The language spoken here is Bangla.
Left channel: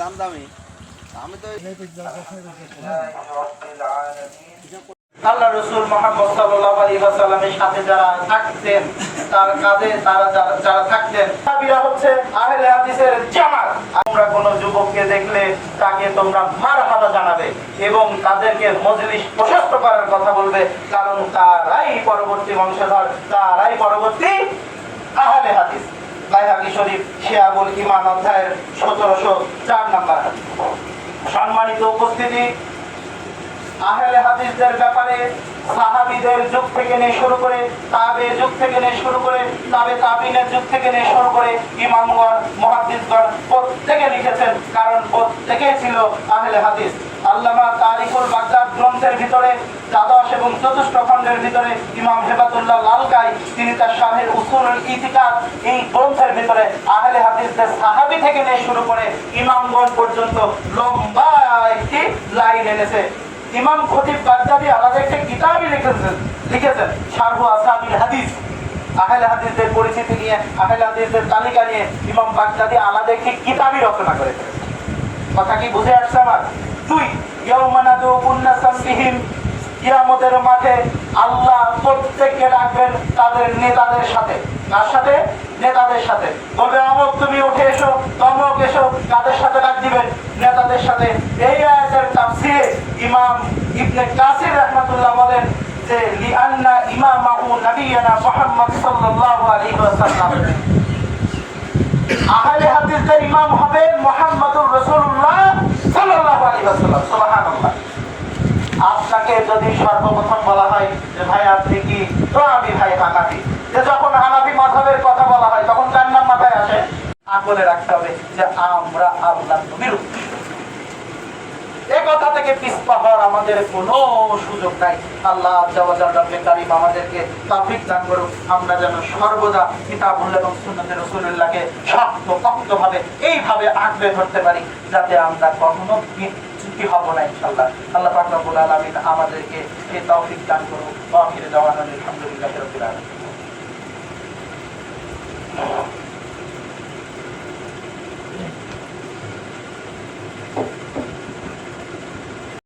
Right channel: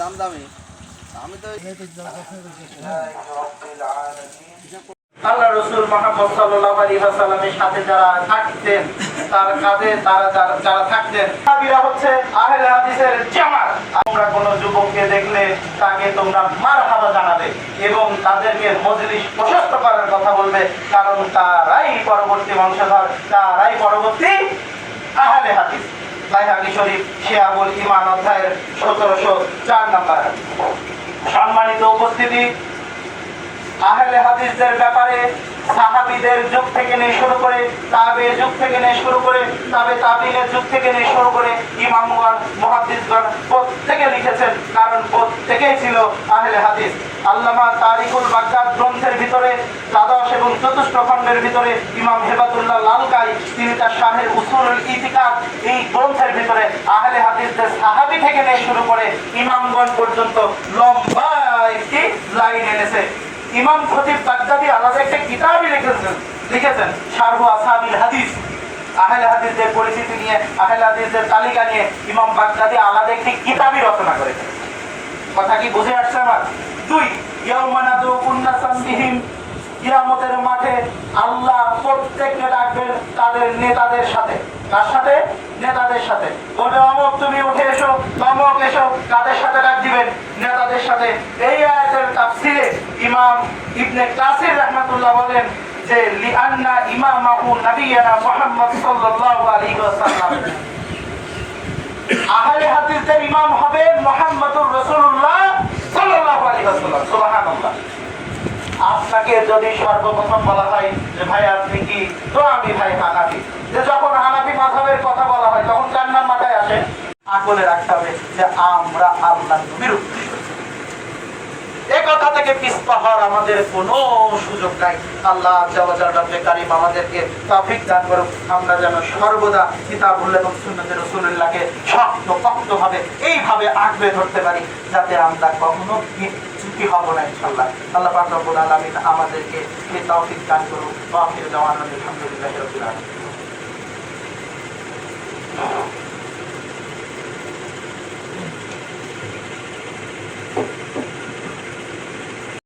দাম দামি। আমি তো আল্লাহ রসুল মোহাম্মদ সাল্লাল্লাহু আলাইহি ওয়াসাল্লামের সাথে যারা থাকতেন, তার কাঁধে তারা যারা থাকতেন, সাহাবীরা হচ্ছে আহলে হাদিসের জামাত। তোমরা কোনো যুবককে দেখলে তাকে তোমরা মারহাবা জানাবে এবং তাদেরকে মজলিস প্রশস্ত করার কথা বলবে, কারণ তারাই পরবর্তী বংশধর, তারাই পরবর্তী আহলে হাদিস। বাইহাকি শরীফ শিয়াবুল ইমান অধ্যায়ের সতেরোশো চার নাম্বার। সম্মানিত উপস্থিতি, আহলে হাদিসদের ব্যাপারে সাহাবীদের যুগ থেকে নিয়ে শুরু করে তাবে যুগ থেকে নিয়ে শুরু করে তাবে তাবিনের যুগ থেকে নিয়ে শুরু করে ইমামগণ মুহাদ্দিসগণ প্রত্যেকে লিখেছেন, কারণ প্রত্যেকেই ছিল আহলে হাদিস। আল্লামা তারিকুল বাগদাদ গ্রন্থের ভিতরে, দ্বাদশ এবং চতুর্থ খণ্ডের ভিতরে ইমাম হেবাতুল্লাহ লালকাই, তিনি তার শাহের উসুল ইতিকাদ এই গ্রন্থের ভিতরে আহলে হাদিসদের সাহাবী থেকে নিয়ে শুরু করে ইমামগণ পর্যন্ত লম্বা একটি লাইন এনেছে। ইমাম খতিব বাগদাদি আলাদা একটা কিতাবই লিখেছেন লিখেছেন, শারহু আসাবিল হাদিস। আহলে হাদিসদের পরিচিতি নিয়ে, আহলে হাদিসদের তালিকা নিয়ে ইমাম বাগদাদি আলাদা একটি কিতাবই রচনা করেছেন। কথা কি বুঝে আসছে আমার? দুই কিয়ামতের মাঠে আল্লাহ প্রত্যেককে ডাকবেন তাদের নেতাদের সাথে। কার সাথে? নেতাদের সাথে। বলবে অমক তুমি উঠে এসো, তমক এসো, কাদের সাথে ডাক দিবেন? নেতাদের সাথে। এই আয়াতের তাফসিরে ইমাম ইবনে কাসির রাহমাতুল্লাহ বলেন যে, লিআন্না ইমামাহু নবিয়ানা মুহাম্মদ সাল্লাল্লাহু আলাইহি ওয়াসাল্লাম। আহলে হাদিসদের ইমাম হবে মুহাম্মদুর রাসূলুল্লাহ সাল্লাল্লাহু আলাইহি ওয়াসাল্লাম সুবহানাল্লাহ আপনাকে যদি সর্বপ্রথম বলা হয় যে, ভাই, আপনি কি? তো আমি, ভাই, হানাফি। যে যখন হানাফি মাযহাবের কথা বলা হয়, তখন নাম মাথায় আসে। আকলে রাখতে হবে যে, আমরা বিরুদ্ধে এ কথা থেকে পিছপা হওয়ার আমাদের কোনো সুযোগ নাই। আল্লাহ জওয়াজাল্লাহে কারিম আমাদেরকে তৌফিক দান করুক। আমরা যেন সর্বদা কিতাবুল্লাহ এবং সুন্নাতের রাসূলুল্লাহকে শক্ত পক্তভাবে এইভাবে আঁকড়ে ধরতে পারি, যাতে আমরা কখনো বিচ্যুতি হব না ইনশাল্লাহ। আল্লাহ পাক রব্বুল আলামিন আমাদেরকে এই তৌফিক দান করুন ওয়া আখির দাওয়ানা আলহামদুলিল্লাহি রাব্বিল আলামিন।